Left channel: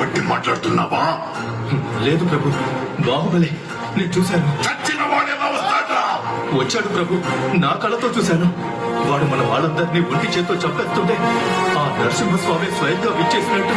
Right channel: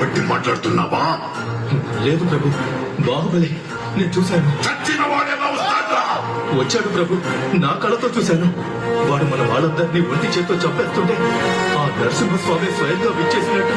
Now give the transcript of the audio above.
బట్టి మాట్లాడుతున్నావా? లేదు ప్రభు, బాహుబలి నేను చూశాను. చచ్చిన వాడేలా వస్తాడ్రా? వచ్చాడు ప్రభు, నా కళ్ళతో చూశాను. వాడు మన వాళ్ళందరినీ ఒంటి చేత్తో చంపేస్తుంటే ఆ నరసింహస్వామి స్వయంగా విచ్చేసినట్టు